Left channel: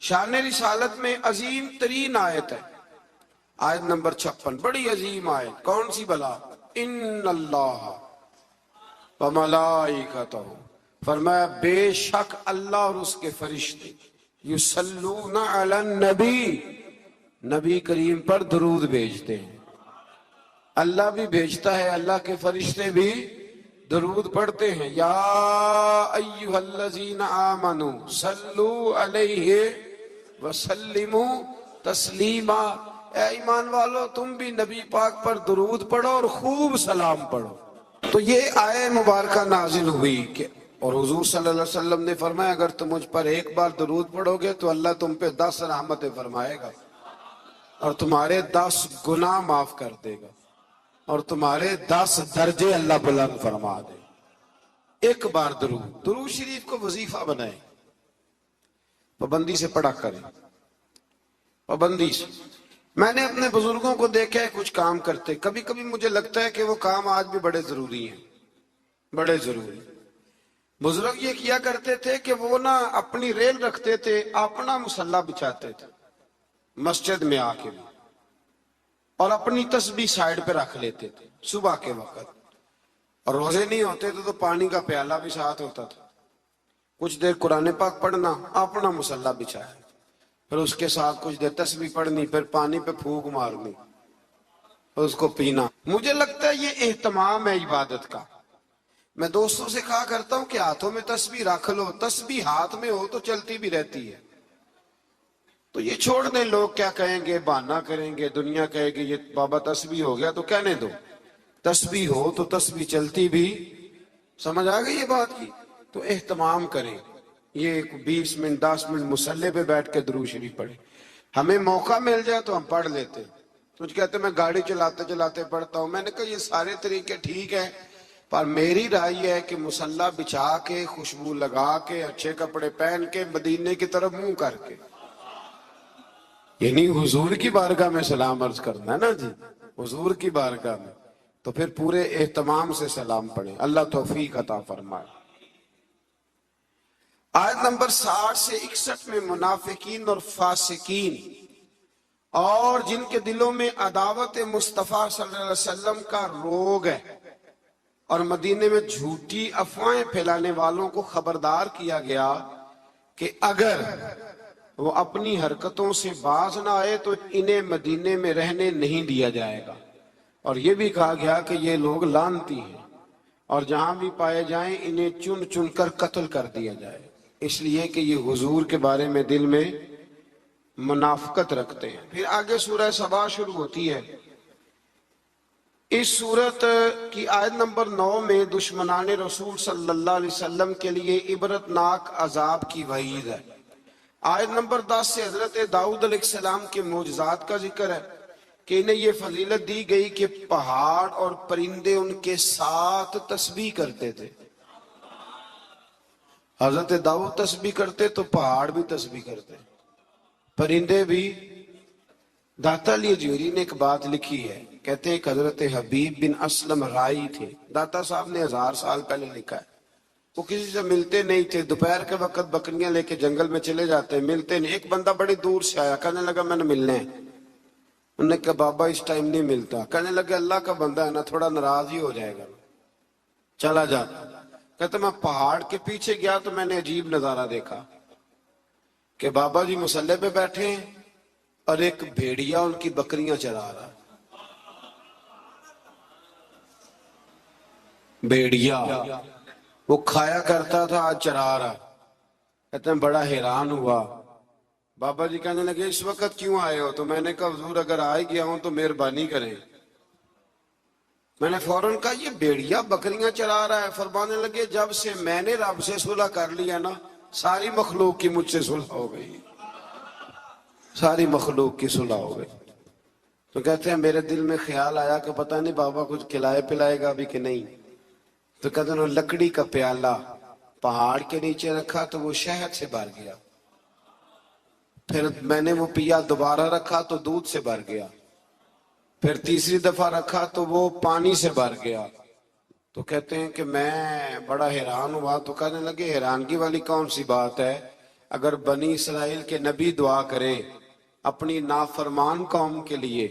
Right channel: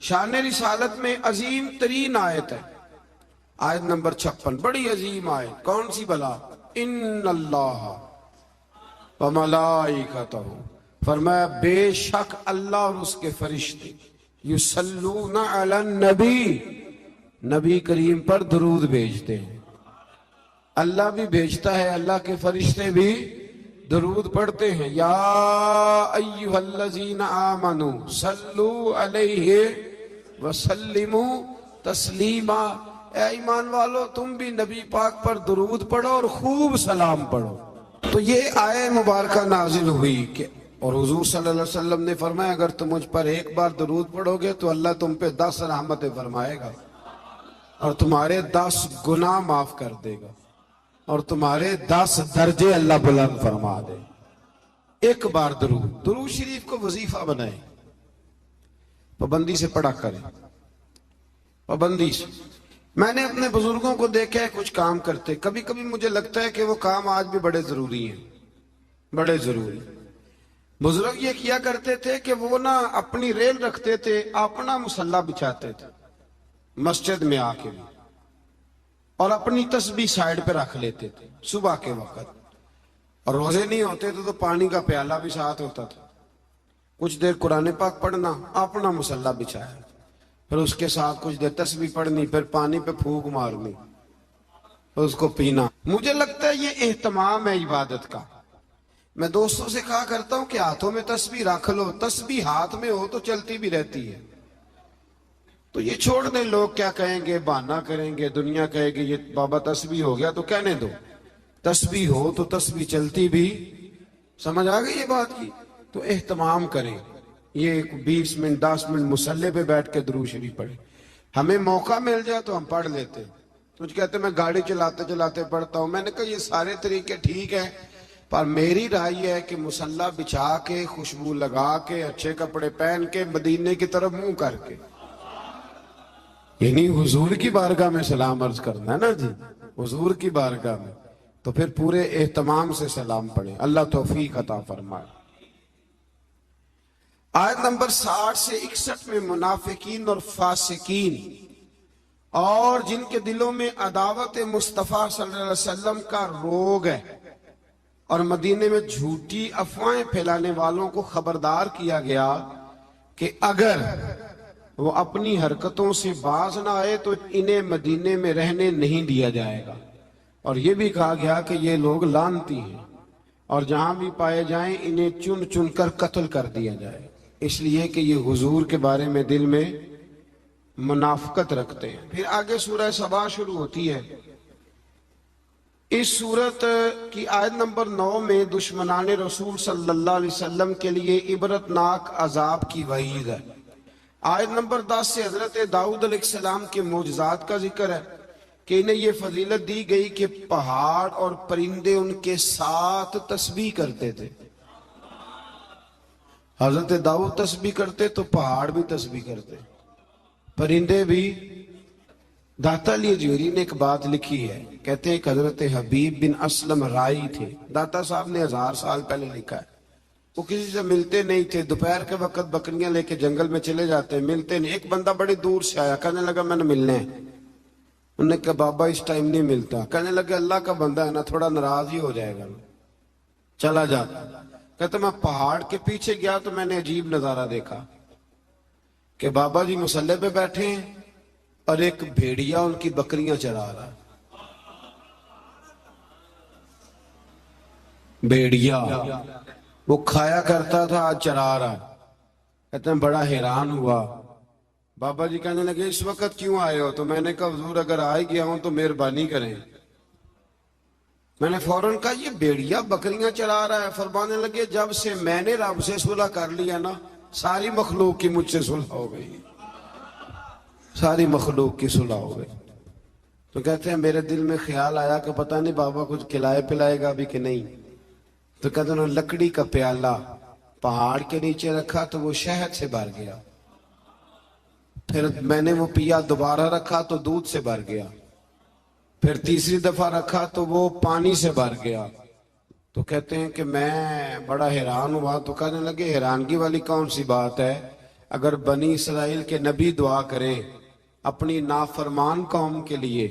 شان رسالت میں عظیم ترین آیت ہے، آیت نمبر 56، بڑی عظیم آیت۔ کون سی بلا؟ ان اللہ وملائکتہ، فرمایا بے شک اللہ اور اس کے فرشتے یصلون علی النبی، نبی کریم پر درود بھیجتے ہیں۔ اللہ بھی بھیجتا ہے، اللہ کے فرشتے بھی درود پڑھتے ہیں۔ یا ایھا الذین آمنوا صلوا علیہ وسلموا تسلیما، اے ایمان والو تم بھی نبی پاک پر درود پڑھو اور خوب سلام پڑھو۔ تو یہ آیت مبارکہ نازل ہوئی کہ اور حضور صلی اللہ علیہ وسلم نے فرمایا اگر تم مجھ پر ایک بار درود پڑھو گے تو اللہ تم پہ 10 رحمتیں فرمائے گا اور تمہارے 10 گناہ معاف کر دے گا اور تمہارے 10 درجے اللہ بلند فرما دے گا۔ ایک بار درود شریف کو وظیفہ بنائیں، پابندی سے پڑھا کریں، پابندی سے۔ میں نے اپنے بزرگوں کو دیکھا ہے کچھ کام کرتے، کبھی کبھی مجھے لگتا ہے کہ وہ کام آج بھی بڑے ضروری ہیں، بڑے ضروری۔ بزرگ یہ کیا کرتے تھے کہ وہ نا اپنی ریل رکھتے تھے، اپنا مصلی بچھاتے تھے مسجد میں آ کے بھی، اور اپنی تسبیح سائیڈ پہ رکھ لیتے تھے صبح کے وقت، اور روزے نہیں ہوتے تھے تو پانی کا پیالہ بھی ساتھ ہوتا تھا، کچھ دیر قرآن پاک پڑھنا، اپنا مصلی بچھایا، پھر اس کے ساتھ کچھ دیر تسبیح پڑھنی، پھر پانی پہ پھونک مارنی، پھر اس کو پینا۔ مجھے لگتا ہے یہ اہتمام ہے عبادت کا۔ میں دوستوں سے کہا کرتا ہوں کہ ہاتھوں میں تسبیح رکھ لو، تسبیح ہاتھ میں ہو تو چلتی بھی رہتی ہے۔ تو یہ چھوڑ دیں، لوگ کیا کہیں گے، بہانہ کریں گے، دنیا کہے گی یہ بابا تسبیح ہو گیا، تو کہنے دو، تسبیح ہو تو تسبیح چلتی بھی۔ سمجھ آ گئی یہ بات کی؟ تو اہتمام کریں، یہ 20 منٹ 10 منٹ مصلی پہ بیٹھ کے درود شریف پڑھیں۔ ہمیں موقع مل جائے تو ہم پڑھ لیتے، کچھ کہتے میں گاڑی چلاتے چلاتے پڑھتا ہوں۔ میں نے کہا یہ سارے طریقے ٹھیک ہیں، پر میری رائے یہ ہے کہ مصلی بچھا کے، خوشبو لگا کے، اچھے کپڑے پہن کے، مدینے کی طرف منہ کر کے، یعنی حضور کی بارگاہ میں سلام عرض کرنا ہے نا جی، حضور کی بارگاہ میں، تو پھر پورے اہتمام سے سلام پڑھیں۔ اللہ توفیق عطا فرمائے۔ آیت نمبر 60 سے 61 میں منافقین اور فاسقین اور جن کے دلوں میں عداوت مصطفیٰ صلی اللہ علیہ وسلم کا روگ ہے اور مدینے میں جھوٹی افواہیں پھیلانے والوں کو خبردار کیا گیا کہ اگر وہ اپنی حرکتوں سے باز نہ آئے تو انہیں مدینے میں رہنے نہیں دیا جائے گا، اور یہ بھی کہا گیا کہ یہ لوگ لعنتی ہیں اور جہاں بھی پائے جائیں انہیں چن چن کر قتل کر دیا جائے، اس لیے کہ یہ حضور کے بارے میں دل میں منافقت رکھتے ہیں۔ پھر آگے سورہ سبا شروع ہوتی ہے۔ اس سورت کی آیت نمبر 9 میں دشمنان رسول صلی اللہ علیہ وسلم کے لیے عبرتناک عذاب کی وعید ہے۔ آیت نمبر 10 سے حضرت داؤد علیہ السلام کے معجزات کا ذکر ہے کہ انہیں یہ فضیلت دی گئی کہ پہاڑ اور پرندے ان کے ساتھ تسبیح کرتے تھے۔ حضرت داؤد تسبیح کرتے تو پہاڑ بھی تسبیح کرتے، پرندے بھی۔ داتا علی جوہری نے ایک بات لکھی ہے، کہتے ہیں کہ حضرت حبیب بن اسلم رائی تھے، داتا صاحب نے 1000 سال پہلے لکھا ہے۔ وہ کسی سے ملتے نہیں تھے، دوپہر کے وقت بکریاں لے کے جنگل میں چلے جاتے، ملتے نہیں۔ ایک بندہ بڑی دور سے آیا، کہنے لگا میں نے ملنا ہے۔ انہوں نے کہا بابا اس ٹائم نہیں ملتا۔ کہنے لگا اللہ کا بندہ ہے نا، تھوڑا ناراض ہی ہو جائے گا، چلا جاتا۔ کہتے میں پہاڑ کے پیچھے گیا تو میں نے عجیب نظارہ دیکھا کہ بابا جی مصلی پہ بیٹھے ہیں اور ایک بھیڑیا ان کی بکریاں چرا رہا۔ بھیڑیا وہ کھایا کرتا تھا، آج چرا رہا۔ کہتے ہیں بڑا حیران ہوا۔ بابا جی کہنے لگے اس وقت کیوں آئے ہو؟ تو میں نے کہا حضور اگر آئے گیا ہوں تو مہربانی کریں۔ میں نے فوراً کہا یہ بھیڑیا بکریاں چرا رہا ہے۔ فرمانے لگے جب سے میں نے رب سے صلح کر لیا نا، ساری مخلوق کی مجھ سے صلح ہو گئی، ساری مخلوق کی صلح ہو گئی۔ تو کہتے ہیں میرے دل میں خیال آیا کہ پتہ نہیں بابا کچھ کھلائے پلائے گا بھی کہ نہیں۔ تو کہتے ہیں لکڑی کا پیالہ پہاڑ کے نیچے رکھا تو وہ شہد سے بھر گیا، پھر میں نے وہ پیا، دوبارہ رکھا تو دودھ سے بھر گیا، پھر تیسری دفعہ رکھا تو وہ پانی سے بھر گیا۔ تو کہتے ہیں کہ میں بڑا حیران ہوا۔ تو کہنے لگے حیرانگی والی کون سی بات ہے، اگر بنی اسرائیل کے نبی دعا کریں اپنی نافرمان قوم کے لیے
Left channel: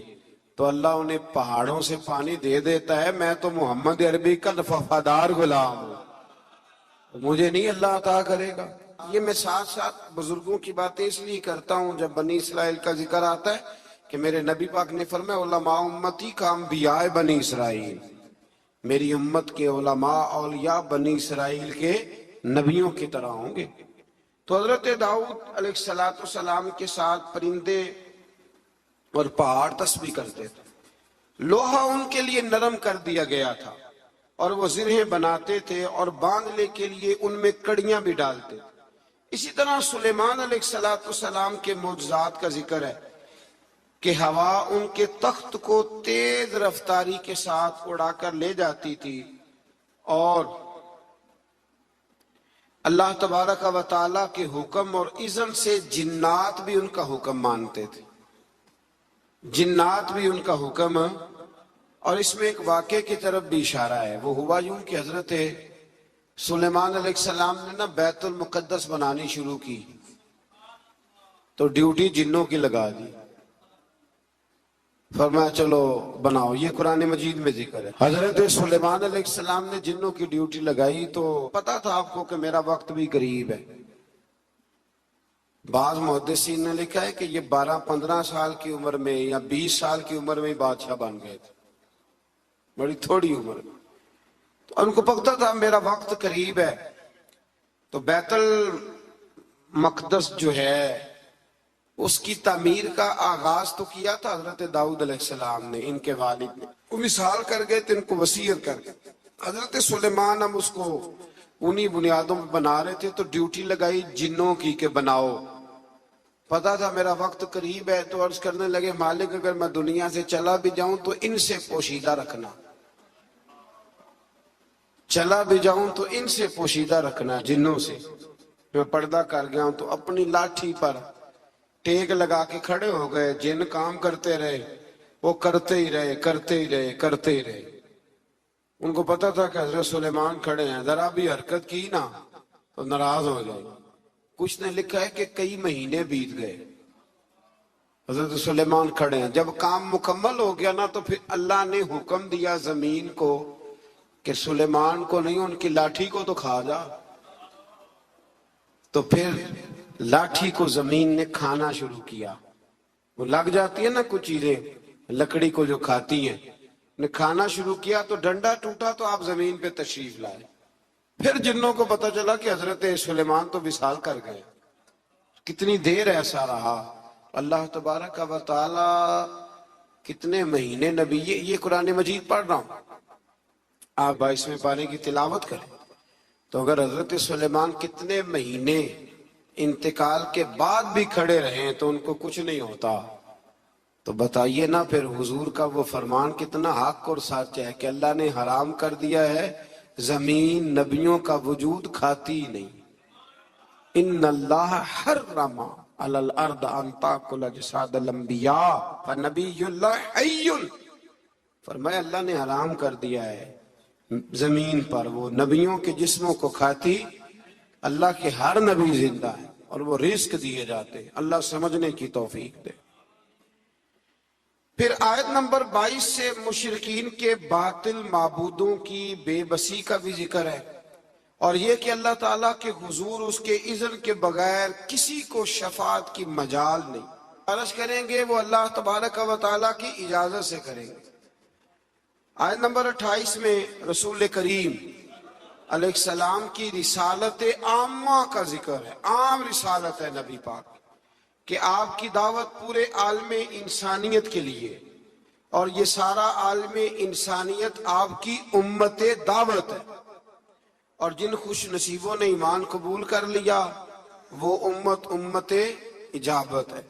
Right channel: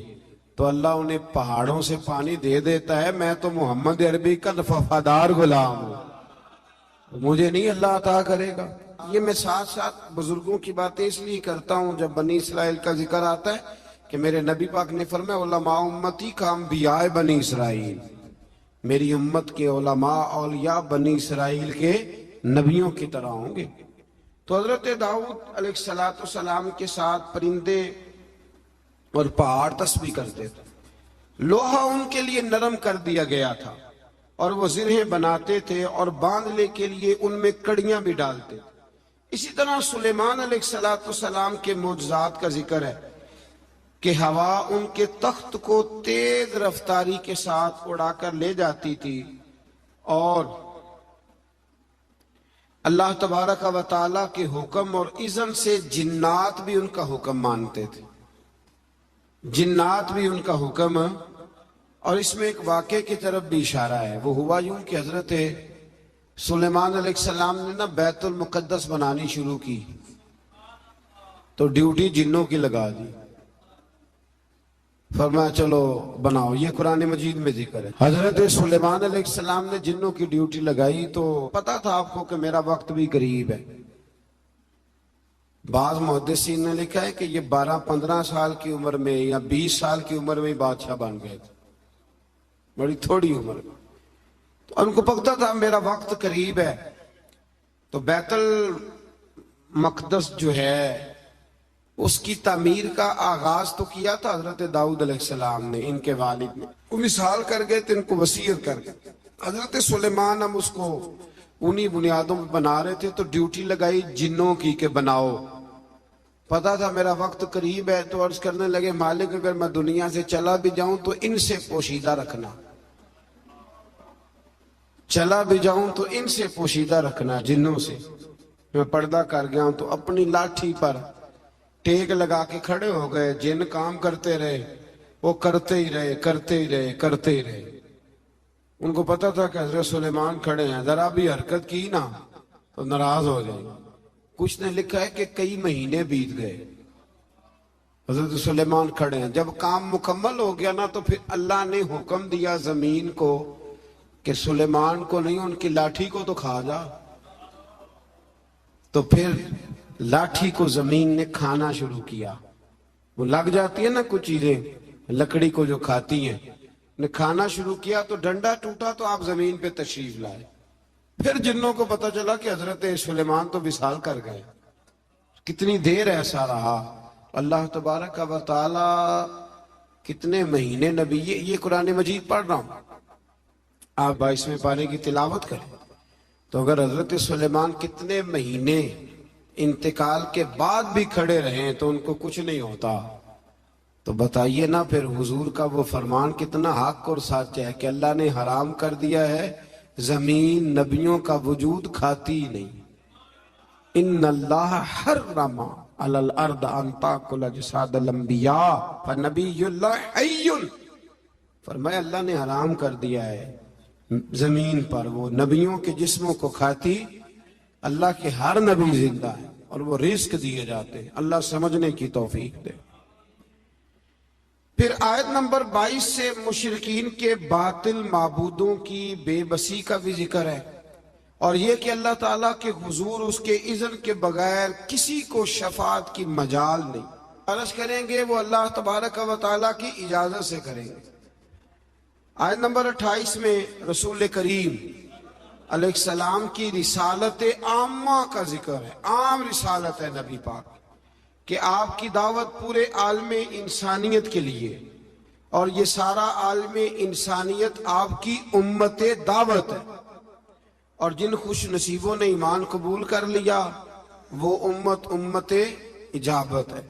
تو اللہ انہیں پہاڑوں سے پانی دے دیتا ہے. میں تو محمد عربی کا وفادار غلام ہوں, مجھے نہیں اللہ عطا کرے گا. یہ میں ساتھ ساتھ بزرگوں کی باتیں اس لیے کرتا ہوں جب بنی اسرائیل کا ذکر آتا ہے کہ میرے نبی پاک نے فرمایا علماء امتی کا انبیاء بنی اسرائیل, میری امت کے علماء اولیاء بنی اسرائیل کے نبیوں کی طرح ہوں گے. تو حضرت داؤد علیہ السلام کے ساتھ پرندے اور پہاڑ تسبیح کرتے تھے. لوہا ان کے لیے نرم کر دیا گیا تھا اور وہ زرہیں بناتے تھے اور باندھنے کے لیے ان میں کڑیاں بھی ڈالتے تھے. اسی طرح سلیمان علیہ السلام کے معجزات کا ذکر ہے کہ ہوا ان کے تخت کو تیز رفتاری کے ساتھ اڑا کر لے جاتی تھی اور اللہ تبارک و تعالیٰ کے حکم اور اذن سے جنات بھی ان کا حکم مانتے تھے, جنات بھی ان کا حکم. اور اس میں ایک واقعے کی طرف بھی اشارہ ہے. وہ ہوا یوں کہ حضرت سلیمان علیہ السلام نے نا بیت المقدس بنانی شروع کی تو ڈیوٹی جنوں کی لگا دی. فرمایا چلو بناؤ, یہ قرآن مجید میں ذکر ہے. حضرت سلیمان علیہ السلام نے جنوں کی ڈیوٹی لگائی تو پتا تھا آپ کو کہ میرا وقت بھی قریب ہے. بعض محدثین نے لکھا ہے کہ یہ 12-15 سال کی عمر میں یا 20 سال کی عمر میں بادشاہ بن گئے تھے, بڑی تھوڑی عمر میں. تو ان کو پتا تھا میرا وقت قریب ہے. تو بیت المقدس جو ہے اس کی تعمیر کا آغاز تو کیا تھا حضرت داؤد علیہ السلام نے, ان کے والد نے. وہ مثال کر گئے تھے, ان کو وصیت کر گئے. حضرت سلیمان ہم اس کو انہی بنیادوں پہ بنا رہے تھے تو ڈیوٹی لگائی جنوں کی کہ بناؤ. پتا تھا میرا وقت قریب ہے تو عرض کرنے لگے مالک اگر میں دنیا سے چلا بھی جاؤں تو ان سے پوشیدہ رکھنا, چلا بھی جاؤں تو ان سے پوشیدہ رکھنا, جنوں سے. میں پردہ کر گیا ہوں تو اپنی لاٹھی پر ٹیک لگا کے کھڑے ہو گئے. جن کام کرتے رہے, وہ کرتے ہی رہے کرتے ہی رہے کرتے ہی رہے. ان کو پتا تھا کہ حضرت سلیمان کھڑے ہیں, ذرا بھی حرکت کی نا تو ناراض ہو جائیں. کچھ نے لکھا ہے کہ کئی مہینے بیت گئے, حضرت سلیمان کھڑے ہیں. جب کام مکمل ہو گیا نا تو پھر اللہ نے حکم دیا زمین کو کہ سلیمان کو نہیں, ان کی لاٹھی کو تو کھا جا. تو پھر لاٹھی کو زمین نے کھانا شروع کیا. وہ لگ جاتی ہے نا کچھ چیزیں لکڑی کو جو کھاتی ہیں, نے کھانا شروع کیا تو ڈنڈا ٹوٹا تو آپ زمین پہ تشریف لائے. پھر جنوں کو پتا چلا کہ حضرت سلیمان تو وصال کر گئے. کتنی دیر ایسا رہا. اللہ تبارک و تعالی کتنے مہینے نبی, یہ قرآن مجید پڑھ رہا ہوں, آپ 22ویں پارے کی تلاوت کریں تو اگر حضرت سلیمان کتنے مہینے انتقال کے بعد بھی کھڑے رہیں تو ان کو کچھ نہیں ہوتا, تو بتائیے نا پھر حضور کا وہ فرمان کتنا حق اور سچ ہے کہ اللہ نے حرام کر دیا ہے زمین نبیوں کا وجود کھاتی نہیں. ان اللہ حرم علی الارض ان تاکل اجساد الانبیاء فنبی اللہ حی. فرمایا اللہ نے حرام کر دیا ہے زمین پر وہ نبیوں کے جسموں کو کھاتی. اللہ کے ہر نبی زندہ ہے اور وہ رزق دیے جاتے ہیں. اللہ سمجھنے کی توفیق دے. پھر آیت نمبر 22 سے مشرکین کے باطل معبودوں کی بے بسی کا بھی ذکر ہے, اور یہ کہ اللہ تعالیٰ کے حضور اس کے اذن کے بغیر کسی کو شفاعت کی مجال نہیں. عرض کریں گے وہ اللہ تبارک و تعالیٰ کی اجازت سے کریں گے. آیت نمبر 28 میں رسول کریم علیہ السلام کی رسالت عامہ کا ذکر ہے. عام رسالت ہے نبی پاک کہ آپ کی دعوت پورے عالم انسانیت کے لیے, اور یہ سارا عالم انسانیت آپ کی امت دعوت ہے. اور جن خوش نصیبوں نے ایمان قبول کر لیا وہ امت اجابت ہے.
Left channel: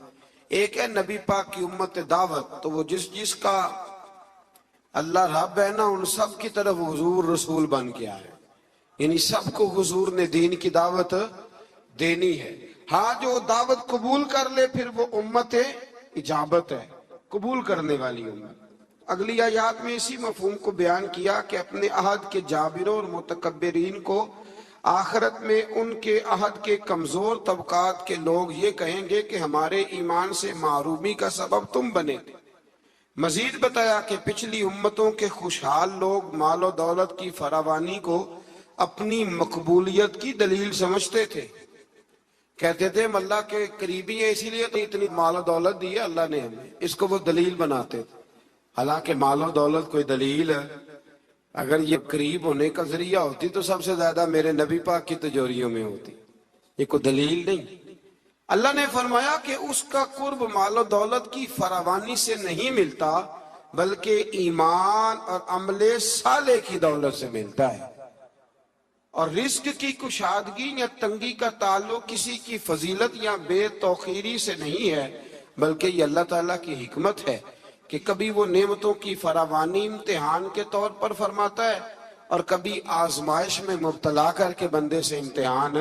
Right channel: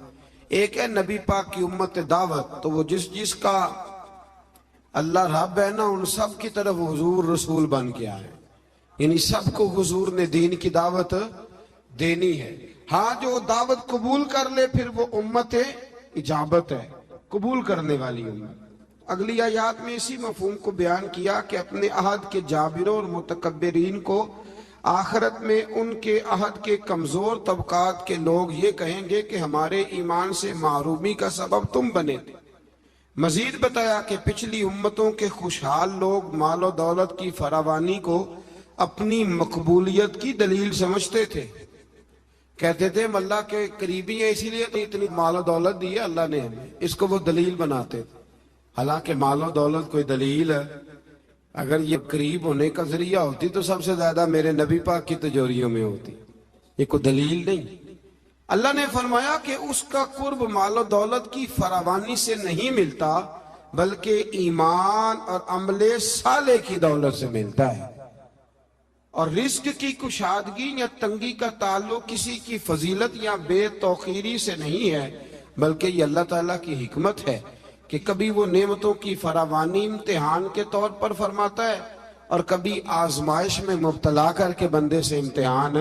ایک ہے نبی پاک کی امت دعوت, تو وہ جس کا اللہ رب ہے نا ان سب کی طرف حضور رسول بن کے آئے, یعنی سب کو حضور نے دین کی دعوت دینی ہے. ہاں جو دعوت قبول کر لے پھر وہ امت اجابت ہے, قبول کرنے والی امت. اگلی آیات میں اسی مفہوم کو بیان کیا کہ اپنے عہد کے جابروں اور متکبرین کو آخرت میں ان کے عہد کے کمزور طبقات کے لوگ یہ کہیں گے کہ ہمارے ایمان سے محرومی کا سبب تم بنے تھے۔ مزید بتایا کہ پچھلی امتوں کے خوشحال لوگ مال و دولت کی فراوانی کو اپنی مقبولیت کی دلیل سمجھتے تھے، کہتے تھے ہم اللہ کے قریبی ہیں اسی لیے تو اتنی مال و دولت دی ہے اللہ نے ہمیں، اس کو وہ دلیل بناتے تھے۔ حالانکہ مال و دولت کوئی دلیل ہے؟ اگر یہ قریب ہونے کا ذریعہ ہوتی تو سب سے زیادہ میرے نبی پاک کی تجوریوں میں ہوتی، یہ کوئی دلیل نہیں۔ اللہ نے فرمایا کہ اس کا قرب مال و دولت کی فراوانی سے نہیں ملتا بلکہ ایمان اور عمل صالح کی دولت سے ملتا ہے، اور رزق کی کشادگی یا تنگی کا تعلق کسی کی فضیلت یا بے توقیری سے نہیں ہے، بلکہ یہ اللہ تعالیٰ کی حکمت ہے کہ کبھی وہ نعمتوں کی فراوانی امتحان کے طور پر فرماتا ہے اور کبھی آزمائش میں مبتلا کر کے بندے سے امتحان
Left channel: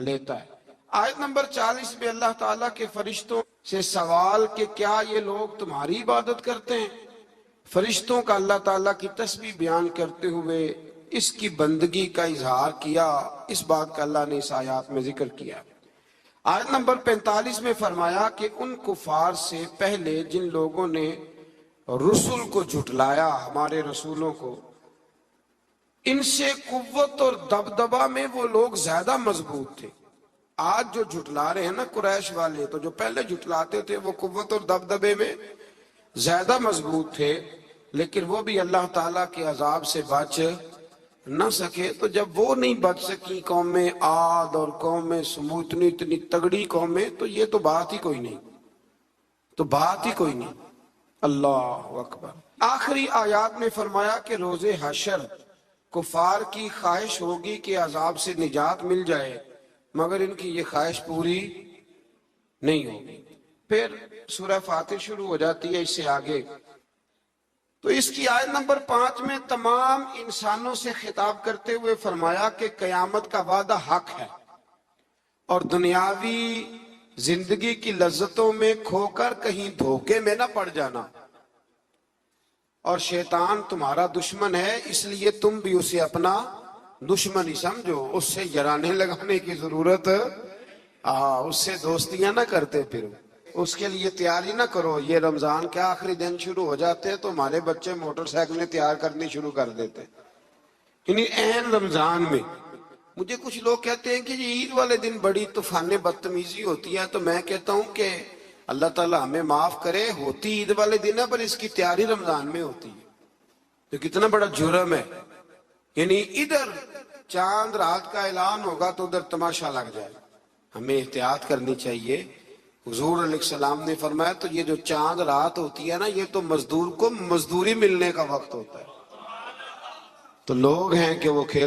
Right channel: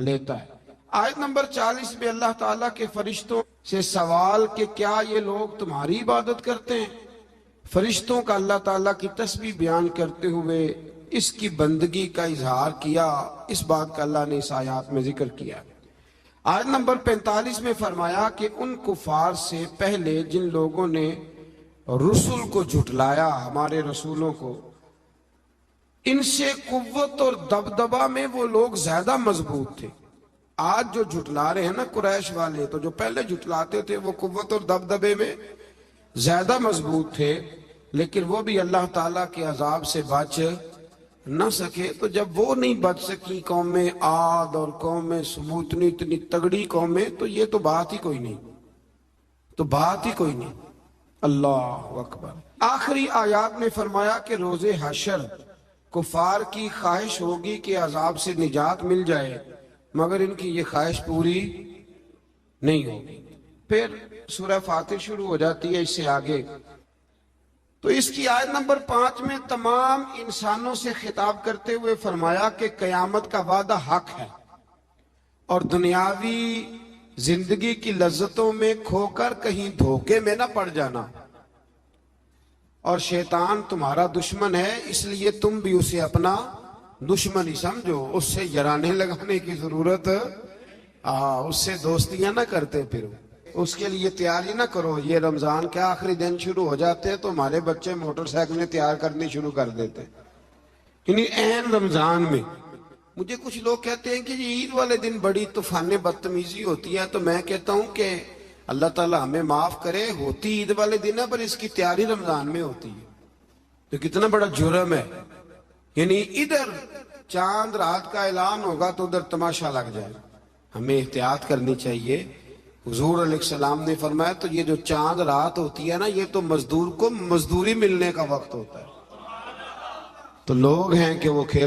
لیتا ہے۔ آیت نمبر 40 میں اللہ تعالیٰ کے فرشتوں سے سوال کہ کیا یہ لوگ تمہاری عبادت کرتے ہیں؟ فرشتوں کا اللہ تعالیٰ کی تسبیح بیان کرتے ہوئے اس کی بندگی کا اظہار کیا، اس بات کا اللہ نے اس آیات میں ذکر کیا۔ آیت نمبر 45 میں فرمایا کہ ان کفار سے پہلے جن لوگوں نے رسول کو جھٹلایا، ہمارے رسولوں کو، ان سے قوت اور دبدبہ میں وہ لوگ زیادہ مضبوط تھے۔ آج جو جھٹلا رہے ہیں نا قریش والے، تو جو پہلے جھٹلاتے تھے وہ قوت اور دبدبے میں زیادہ مضبوط تھے، لیکن وہ بھی اللہ تعالیٰ کے عذاب سے بچ نہ سکے۔ تو جب وہ نہیں بچ سکی قومیں عاد اور قومیں سمود، اتنی تگڑی قومیں، تو یہ تو بات ہی کوئی نہیں، تو بات ہی کوئی نہیں۔ اللہ اکبر۔ آخری آیات میں فرمایا کہ روز حشر کفار کی خواہش ہوگی کہ عذاب سے نجات مل جائے، مگر ان کی یہ خواہش پوری نہیں ہوگی۔ پھر سورہ فاتر شروع ہو جاتی ہے اس سے آگے، تو اس کی آیت نمبر 5 میں تمام انسانوں سے خطاب کرتے ہوئے فرمایا کہ قیامت کا وعدہ حق ہے، اور دنیاوی زندگی کی لذتوں میں کھو کر کہیں دھوکے میں نہ پڑ جانا، اور شیطان تمہارا دشمن ہے، اس لیے تم بھی اسے اپنا دشمن ہی سمجھو، اس سے جرانے لگانے کی ضرورت، اس سے دوستیاں نہ کرتے پھرو، اس کے لیے تیاری نہ کرو۔ یہ رمضان کے آخری دن شروع ہو جاتے ہیں تو ہمارے بچے موٹر سائیکلیں تیار کرنی شروع کر دیتے، یعنی عین رمضان میں۔ مجھے کچھ لوگ کہتے ہیں کہ یہ عید والے دن بڑی طوفان بدتمیزی ہوتی ہے، تو میں کہتا ہوں کہ اللہ تعالیٰ ہمیں معاف کرے، ہوتی عید والے دن ہے پر اس کی تیاری رمضان میں ہوتی ہے، تو کتنا بڑا جرم ہے۔ یعنی ادھر چاند رات کا اعلان ہوگا تو ادھر تماشا لگ جائے، ہمیں احتیاط کرنی چاہیے۔ حضور علیہ السلام نے فرمایا تو یہ جو چاند رات ہوتی ہے نا، یہ تو مزدور کو مزدوری ملنے کا وقت ہوتا ہے، تو لوگ ہیں کہ وہ کھیل